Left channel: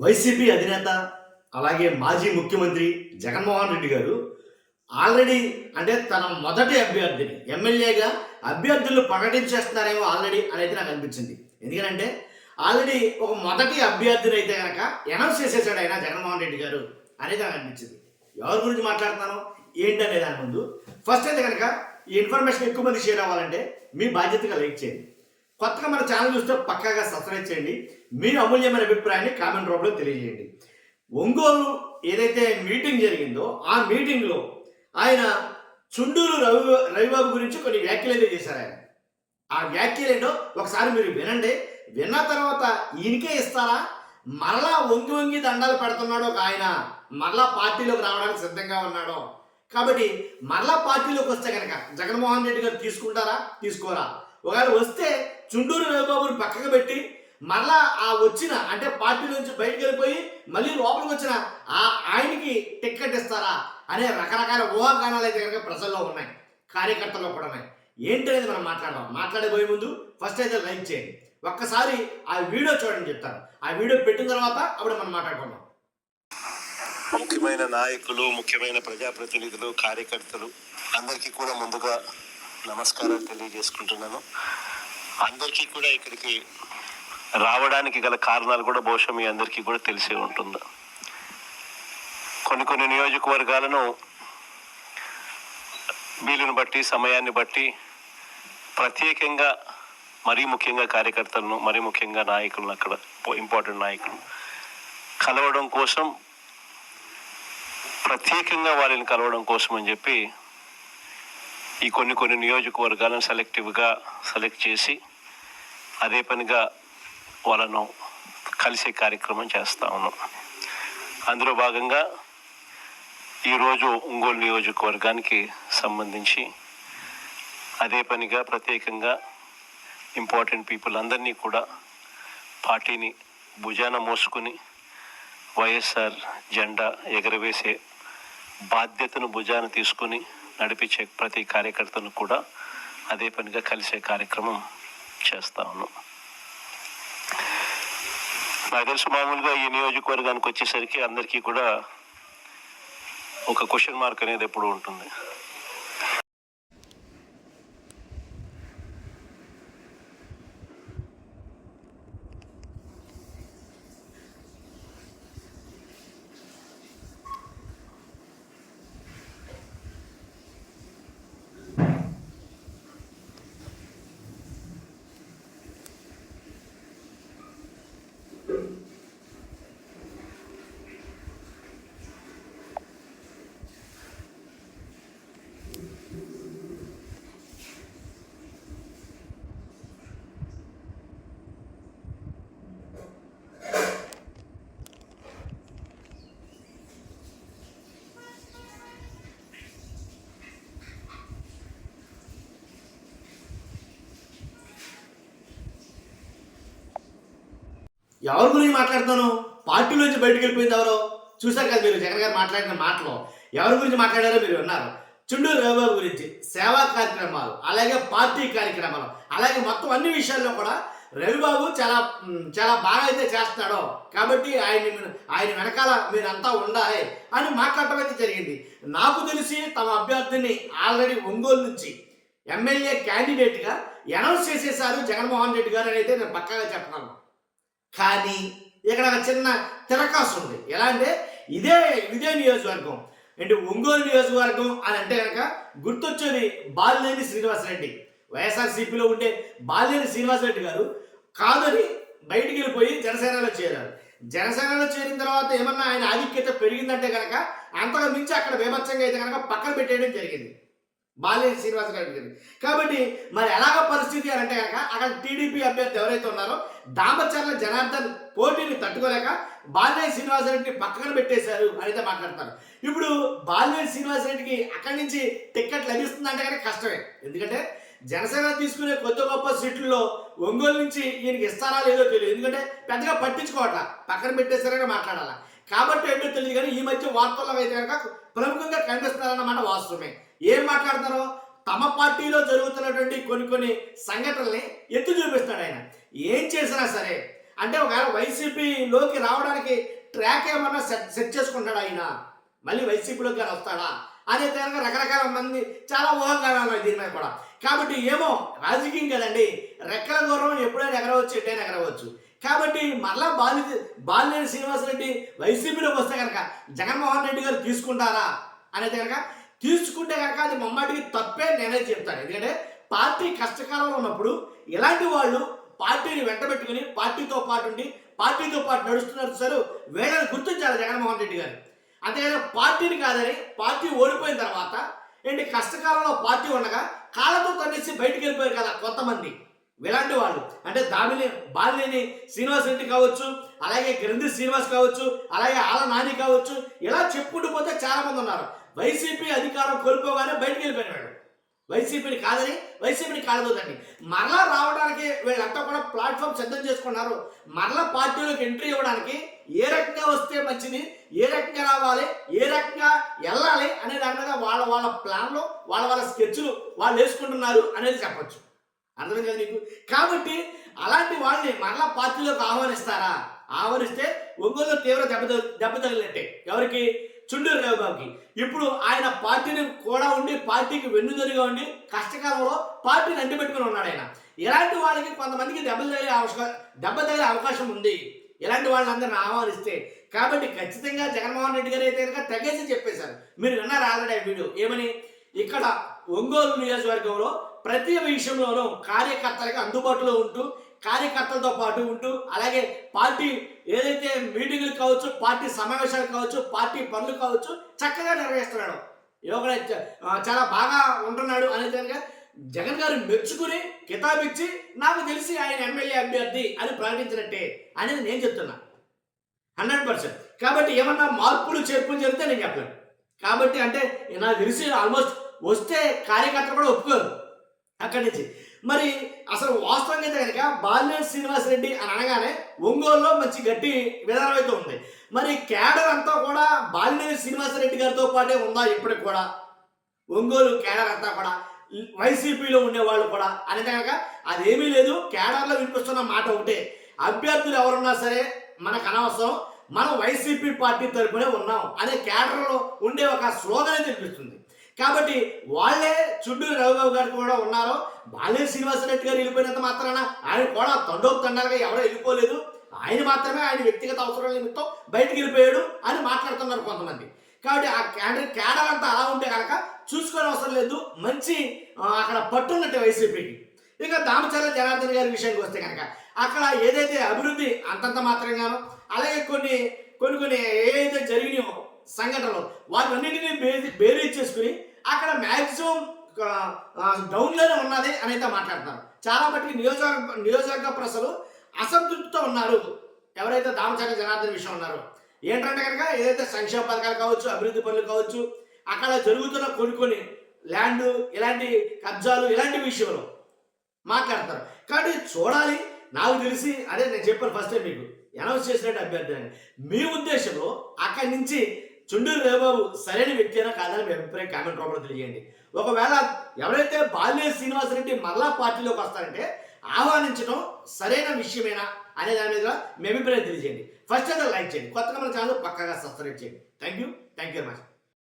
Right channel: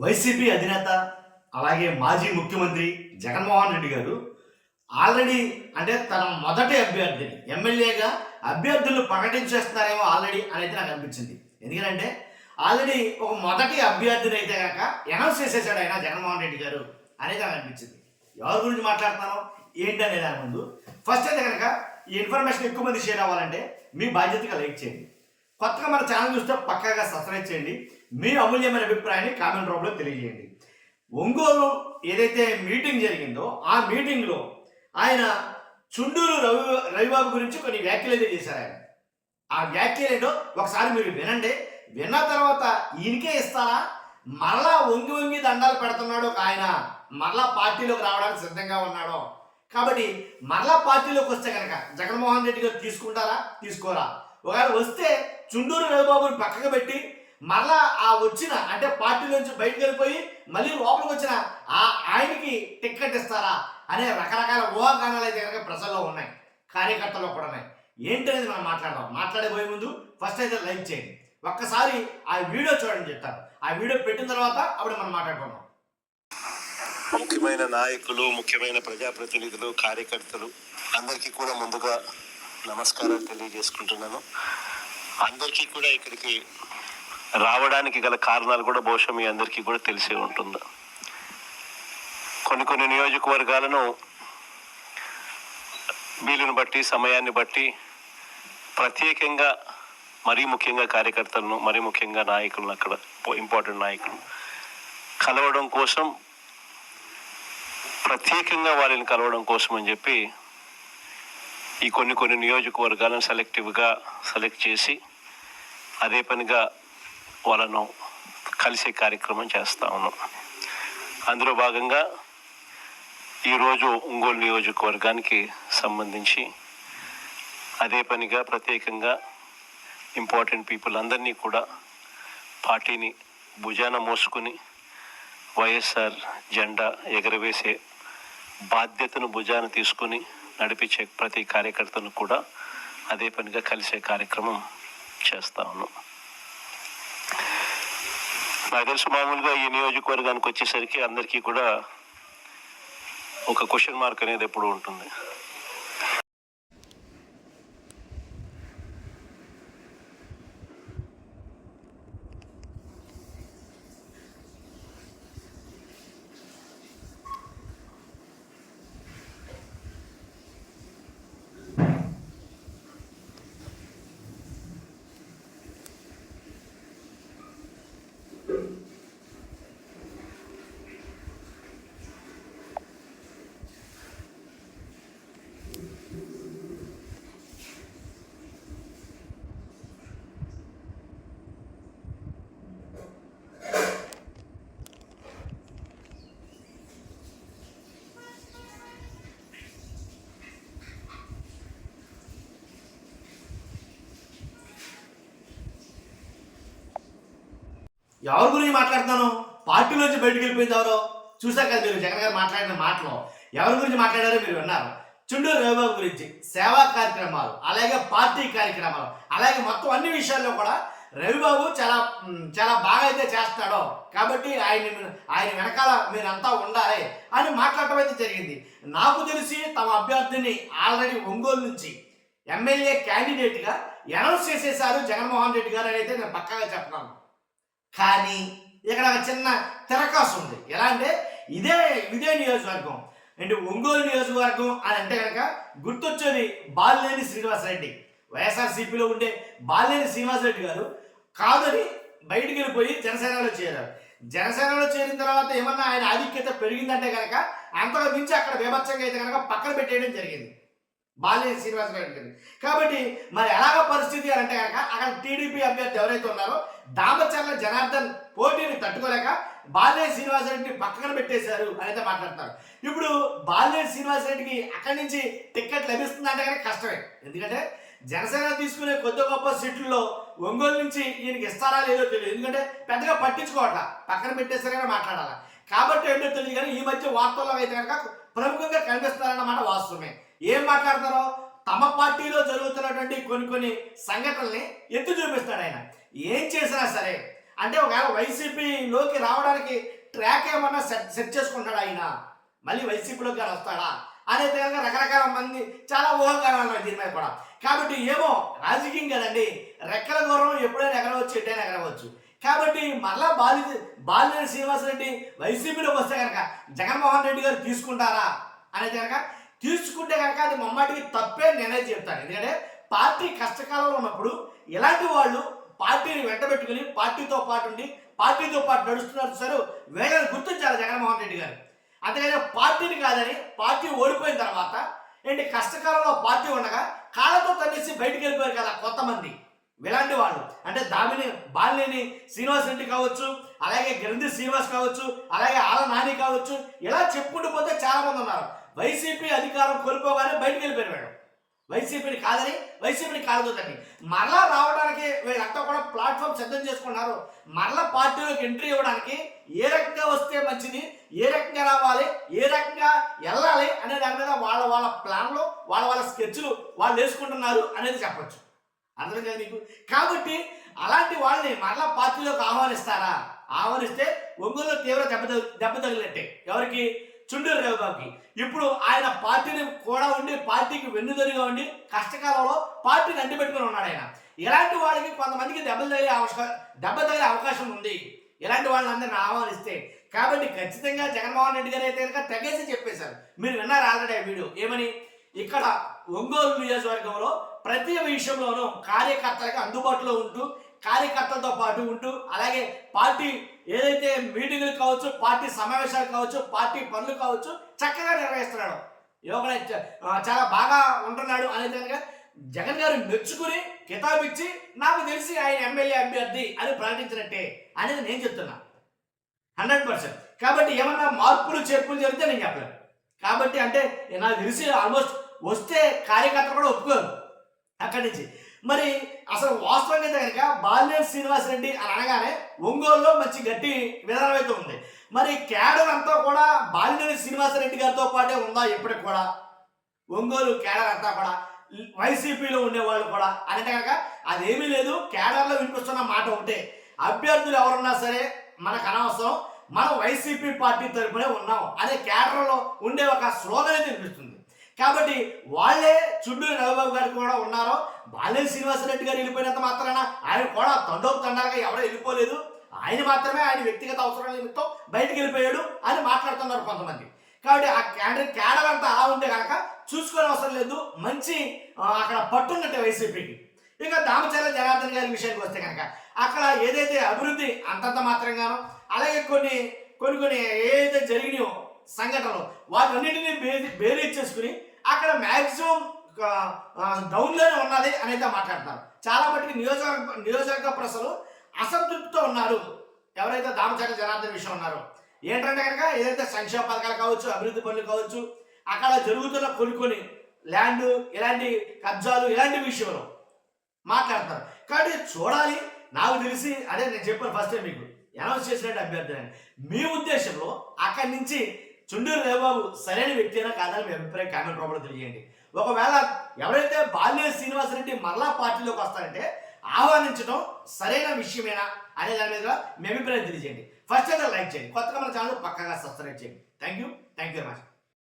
YCP అధినేత అలాగే మాజీ ముఖ్యమంత్రి జగన్మోహన్ రెడ్డి గారు ఆల్రెడీ అంటే తన మొదటి అభ్యర్థిని ఎమ్మెల్యేగా అభ్యర్థులు ప్రకటించేస్తున్నారేమో ఆల్రెడీ అనేది నాకు అనిపించింది. ఎందుకంటే ఆల్రెడీ ఒక మొదటి అభ్యర్థిని అయితే కనుక అనౌన్స్ చేసేసాడు ఆయన జగన్మోహన్ రెడ్డి గారు అనేది నాకు అనిపించింది. ఎవరి గురించి మాట్లాడుతున్నాను ఏంటి అనే దాని ముందు ఫస్ట్ అయితే కనుక ఈ ఇన్ఫర్మేషన్ ఎక్కువ మంది షేర్ అవ్వాలంటే మీ బాధ్యతగా లైక్ చేయండి. కొత్తగా మన ఛానల్ చూస్తే పక్కాగా సబ్స్క్రైబ్ చేయండి. మీ అమూల్యమైన అభిప్రాయాన్ని కామెంట్ రూపంలో తెలియజేయండి. ఒంగోలు ఏదైతే మీటింగ్ జరిగిందో ఆ మీటింగ్లో ఆయన చుండూరు రవిబాబు గురించి కొన్ని వ్యాఖ్యలు అయితే చేశారు. ఆయన ఆ వ్యాఖ్యలు ఏంటో ఒకసారి మీరు వినండి. విన్న తర్వాత ఈయనకే ఇస్తారా, మరలా వంగి వంగి దండాలు పెడుతున్నాడు ఒక ఆయన, మరలా పార్టీలోకి రావడానికి సిద్ధంగా ఉన్నాడు. కాబట్టి మరలా పార్టీలోకి వస్తే కనుక జగన్మోహన్ రెడ్డి గారు తీసుకుంటారా తీసుకోరా, ఒకవేళ వస్తే చుండూరు రవిబాబుని పక్కకు పెట్టి మరలా ఆ వచ్చిన అంటే పార్టీలోంచి బయటకు వెళ్ళిపోయి మళ్ళీ లోపలికి వచ్చిన ఆయనకి టిక్కెట్ ఇస్తారా అనే రకరకాల ఊహాగానాలు అయితే కనుక ప్రజల్లో ఉన్నాయి, కార్యకర్తల్లో కూడా ఉన్నాయి. ఏంటనేది మనం మాట్లాడదాం. మాట్లాడబోయే ముందు ఫస్ట్ అయితే లైక్ చేయండి. ఒక్కసారి ఆ వీడియో చూడండి చెప్తాను. ఆ వీడియో పెట్టిన తర్వాత అప్పుడు మనం మాట్లాడుకుందాం. ముఖ్యమైన నాయకులు, ముఖ్యమైన ప్రజాప్రతినిధులు, కార్యకర్తలు అందరికీ కూడా ముందుగా నమస్కారాలు తెలియజేసుకుంటున్నాను. అందరికీ కూడా ఇక్కడికి రావడానికి గల కారణాలు కూడా బహుశా మీ అందరికీ కూడా తెలిసే ఉంటుంది. కొన్ని నియోజకవర్గాలను వీలుని బట్టి, సమయాన్ని బట్టి ప్రత్యేకంగా మరీ ముఖ్యంగా కార్యకర్తలను, మరీ ముఖ్యంగా నాయకులను, అక్కడ ఇంపార్టెంట్ నాయకులు కలవడం కోసం, ప్రత్యేకంగా వాళ్ళని కలవడం కోసం అని చెప్పి ఈ కొన్ని నియోజకవర్గాలను సెలెక్ట్ చేసి అదే పనిగా వాళ్ళను కలిసే కార్యక్రమం చేస్తా ఉన్నాం. అందులో భాగంగా ఈరోజు ఒంగోలు నియోజకవర్గానికి సంబంధించి అదే పనిగా ప్రత్యేకంగా ఇంపార్టెంట్ పీపుల్ అందరినీ కూడా పార్టీని భుజాన మోసుకుని వైఎస్ఆర్ జెండా ఎగరవేసే బాధ్యతను భుజాన తీసుకుని నడిపించే ప్రతి కార్యకర్తను కూడా అదే పనిగా కలిసే కార్యక్రమం చేస్తా ఉన్నాం. నాకు తెలుసు మామూలుగా ఈ నియోజకవర్గానికి వచ్చేసరికి అందరికీ కూడా ఒక క్వశ్చన్ మార్క్ అనేది ఎప్పుడు ఉంటుంది. ఎవరి గురించి మాట్లాడుతాను? పార్టీలోంచి బయటకు వెళ్ళిపోయింది ఎవరో చూసారు కదా మీరు. జగన్ గారు మాట్లాడిన మాటలో ఎవరి గురించి మాట్లాడారో మీరు విన్నారు. చుండూరు రవిబాబు గురించి, సేవా కార్యక్రమాలు, అలాగే పార్టీ కార్యక్రమాలు, అలాగే మొత్తం అన్ని విషయాల్లో కూడా రవిబాబు చాలా బాగా అయితే చేస్తాడో కాబట్టి ఆయన వెనకాల మీరంతా ఉండాలి అని మాట్లాడటం అయితే జరిగింది. నాకు తెలిసి తమ అభ్యర్థిని ఆల్రెడీ ఒంగోలు నుంచి ఎమ్మెల్యే క్యాండిడేట్గా అనౌన్స్ చేసేసారు జగన్మోహన్ రెడ్డి గారు అని అయితే నేను పక్కాగా చెప్పగలను. కానీ ఇక్కడ ఒక చిన్న తిరకాసు ఉంది. ఎలా అంటే ఇదే నియోజకవర్గం అంటే ఒంగోలు నియోజకవర్గం అని అంటే కనుక గుర్తొచ్చేది బాలినేని శ్రీనివాసరెడ్డి. వైఎస్ఆర్సీపీలో ఉండే బాలినేని శ్రీనివాసరెడ్డి గారు కాదని బయటికి వెళ్ళిపోయి జనసేనలో చేరారు. జనసేనలో చేరిన తర్వాత ఏమన్నా ఆయన ఆధిక్యత పెరిగిందంటే కనుక అంతగా మించి అక్కడ బీభత్సంగా అయితే కనుక పక్కన పెట్టేయడం జరిగింది బాలినేని శ్రీనివాసరెడ్డి గారు. కాబట్టి మరి ఎలాగ పరిస్థితి అని అంటే కనుక అక్కడ టీడీపీ అభ్యర్థి ఎవరైతే ఉన్నారో దామచర్ల జనార్దన్ పోటీని తట్టుకోలేక బాలినేని శ్రీనివాసరెడ్డిని పక్కన పెట్టేశారు అని అయితే మాట్లాడతారు. ఇప్పుడు బాలినేని శ్రీనివాసరెడ్డికి అక్కడి నుంచి టిక్కెట్ లభిస్తుందంటే కనుక కష్టమే. ఎందుకంటే జనసేన తీసుకునే కొద్ది గొప్ప సీట్లలో ఒంగోలు నుంచి ఈయనకి ఇస్తారా లేదో తెలియదు. ఎందుకంటే పెద్దగా పట్టించుకోవట్లా, పక్కన పెట్టేస్తారని మాట్లాడాలా. కాబట్టి ఏంటో తెలియదు. కానీ ఈ మధ్య వార్తల్లో అయితే కనుక ప్రముఖంగా కనిపిస్తున్నారన్నమాట వాస్తవమే. ఏం మాట్లాడుతున్నారో తమ పార్టీలో జరుగుతున్నటువంటి కొన్ని సంఘటనల్ని ఎత్తు చూపిస్తాడు ఆయన. ఏం చేసినా సరే అంటే ఒకవేళ వైసీపీలోకి రావడానికి ట్రాక్ ఏమన్నా సెట్ చేసుకుంటాడా ఆయన, మళ్ళీ వైసీపీలోకి కానీ వస్తాడా అనేది కనుక రకరకాల మంది చాలా ఊహాగానాలు ఉన్నాయి దీని మీద కూడా. కాబట్టి ఏమో రాజకీయం కదండి, రెక్కల గుర్రం ఎప్పుడైనా ఎగరవచ్చు, ఎట్టైనా ఎగరవచ్చు. కాబట్టి మరలా బాలినేని శ్రీనివాసరెడ్డి వైసీపీలోకి వస్తే కనుక జగన్మోహన్ రెడ్డి గారు తీసుకుంటారా అనేది కనుక తీసుకుంటే కనుక అది మమ్మాటికి తప్పే నేనే చెప్తాను. ఎందుకంటే పార్టీ కష్టకాలంలో ఉన్నప్పుడు ఇలాంటి వాళ్ళు పార్టీని వెంటబెట్టుకుని పార్టీతో పాటు ఉండి పార్టీతో పాటు నడుస్తున్నారు సార్, వీళ్ళని గుర్తించాలి జగన్మోహన్ రెడ్డి గారు. అంతేగాని పార్టీని కాదని పార్టీ ఓడిపోయిన తర్వాత ఏంటి కష్టకాలంలో పార్టీ ఉండగా కాళ్ళతో తన్నేసి బయటికి వెళ్ళిపోయారు కదా కొంతమంది. ఇలాంటి వాళ్ళు అంటే బాలినేని శ్రీనివాసరెడ్డి కావచ్చు, అలాగే గ్రంథి శ్రీనివాస్ కావచ్చు, అలాగే ఆల నాని కావచ్చు, ఇలా చెప్పుకుంటూ పోతే చాలామంది ఉన్నారు. వైసీపీ అధికారం కోల్పోగానే బయటికి వెళ్ళిపోయారు వీళ్ళు, వైసీపీని కాదని వైసీపీని కాలదోదండి. మరలా రావడానికి వీళ్ళంతా కూడా ప్లాట్ఫామ్ సిద్ధం చేసుకున్నారు. మరలా పార్టీలోకి ఎంట్రీ ఇవ్వడానికి ఏ రకంగా వస్తే మంచిది, ఏ రకంగా రావాలి, ఏ రకంగా వెళ్ళాలి అనే దాని మీద వాళ్ళ ప్లాన్లు వాళ్ళ స్కెచ్లు వాళ్ళు వేసుకుంటున్నారు అనేది చెప్పొచ్చు. అర్థం కదా నీకు? కాబట్టి అలాంటి వాళ్ళని మరలా పార్టీలోకి ఆహ్వానిస్తారా? ఆహ్వానిస్తే ఒంగోలు తీవ్ర దెబ్బ తగిలినట్టే. ఎవరికి? చుండూరు రవిబాబుకి. ఇప్పుడు ఆయన పార్టీని కూడా ఉండి పార్టీకి వెన్నుదరిగా ఉండి కష్టకాలంలో పార్టీని అంటిపెట్టుకుని ఉన్నాడు ఆయన. ఇలాంటి వాళ్ళకి కొంతమందికి దెబ్బ తగిలే అవకాశం ఉంది, ఇలాంటి వాళ్ళని అందరిని ఆహ్వానిస్తే. కాబట్టి ఖచ్చితంగా జగన్మోహన్ రెడ్డి గారు అయితే కనుక తెగేసి చెప్పేశారు. మీరు విన్నారు ఆల్రెడీ ఆ వీడియో. ఏమని? ఇక్కడ ఒంగోలు నియోజకవర్గంలో ప్రతి విషయంలోనూ కార్యకర్తలకు అందుబాటులో ఉంటూ కార్యకర్తలతో పాటు ఉంటూ అలాగే పార్టీ ఏదైతే మీటింగులు కావచ్చు, పార్టీ సమావేశాలు కావచ్చు, పార్టీ పనులు కావచ్చు చక్కగా నిర్వహిస్తున్నాడు. యోగా చాలా బాగా ఉంటున్నాడు అనేది కనుక జగన్ గారు మెచ్చుకుని కితాబిచ్చి నాకు తెలిసి ఆయన ఎమ్మెల్యే అభ్యర్థి అని ప్రకటించినట్టే అనేది నేను చెప్తున్నా 100%. కాబట్టి ఏమన్నా మార్పులు చేర్పులు జరిగితే నేను చెప్పలేను. కాబట్టి అంటే నాకు తెలిసి ఆల్మోస్ట్ వస్తే కార్యకర్తలు కూడా ఒప్పుకోరు అక్కడి నుంచి. మరి అసలు వాస్తవంగా అయితే కనుక బాలినేని శ్రీనివాసరెడ్డి అని అనగానే ఒంగోలులో మంచి గట్టి విధానం అయితే ఉంది. మరి కేడర్ అంతా కూడా బాలినేని శ్రీనివాసరెడ్డి గారితో పాటే ఉందా ఇప్పటికి కూడా? ఒంగోలు కేడర్ అంతా కూడా వైసీపీలో ఉండేవాళ్ళు కూడా అంటే కనుక అదేమీ లేదు. కేడర్లో వినిపిస్తున్న మాట ఒకటే, అభ్యర్థులు ఎవరున్నా సరే మనకు అనవసరం, మనం వైసీపీ పార్టీ తరపునే ఉన్నాం అనే కేడర్లో ఉండే ఒక స్లోగన్ అయితే వినిపిస్తుంది. కాబట్టి వాళ్ళే చుండూరు రవిబాబు గారు కూడా ఉన్నారో. బాలినేని శ్రీనివాసరెడ్డి గారు వెళ్ళిపోయినంత మాత్రాన ఆయన కూడా తండాలుగా ఎవరో వెళ్ళిపోలేదు, ఆయన మాత్రమే ఆయన వ్యక్తిగత అవసరాల నిమిత్తం బయటికి వెళ్ళిపోయాడు అని మాట్లాడుతున్నారు కొంతమంది. కాబట్టి ఆ కేడర్ అంతా అలా ఉంటే కనుక చూసుకునే అవసరం లేదు, మంచి అక్కడ పట్టున్నట్టే వైసీపీకి. ఇక దామచర్ల జనార్దన్ గారి విషయానికి వస్తే కనుక అక్కడ ఏదైతే అభివృద్ధి అంతంత మాత్రంగానో అలాగే కొన్ని ఏదైతే జరిగినాయో సంఘటనలు వాటన్నింటినీ బేరీజ్ చేసుకుని అక్కడ మ్యాక్సిమం డౌన్లోనే ఉన్నది అని అయితే మాట్లాడుతున్నారు. చాలా మటుకు నియోజకవర్గ ప్రజలు అసంతృప్తితో ఉన్నారు ఎవరైతే దామచర్ల జనార్దన్ విషయం ఉన్నారో. ఏంటంటే కనుక ఏదైతే సంక్షేమ పథకాలు కావచ్చు, అభివృద్ధి పనులు కావచ్చు, అక్కడ జరుగుతున్న కొన్ని ల్యాండ్ ఇలాంటి కబ్జాలు ఇలాంటి విషయంలో మాట్లాడతారు. కాబట్టి చూడాలి. నాకు తెలిసి అదే నేను చెప్పాను ఫస్ట్ టైం మీకు అనౌన్స్ చేసినట్టు అభ్యర్థి అని. మీ ఉద్దేశంలో అక్కడి నుంచి చుండూరు రవిబాబు సరైన వ్యక్తి అయినా కాదని మీ అభిప్రాయం కామెంట్ రూపంలో తెలియజేయండి. ఒకవేళ ఎవరైతే బాలినేని శ్రీనివాసరెడ్డి మరలా పార్టీలోకి వస్తారంటే ఆహ్వానించడం సరైన విషయమేనా అనే దాని మీద మీ అభిప్రాయం తెలియజేయండి. ఫస్ట్ అయితే లైక్ చేయండి, కొత్తగా మన ఛానల్ పక్కగా సబ్స్క్రైబ్ చేయండి. Thank you very much.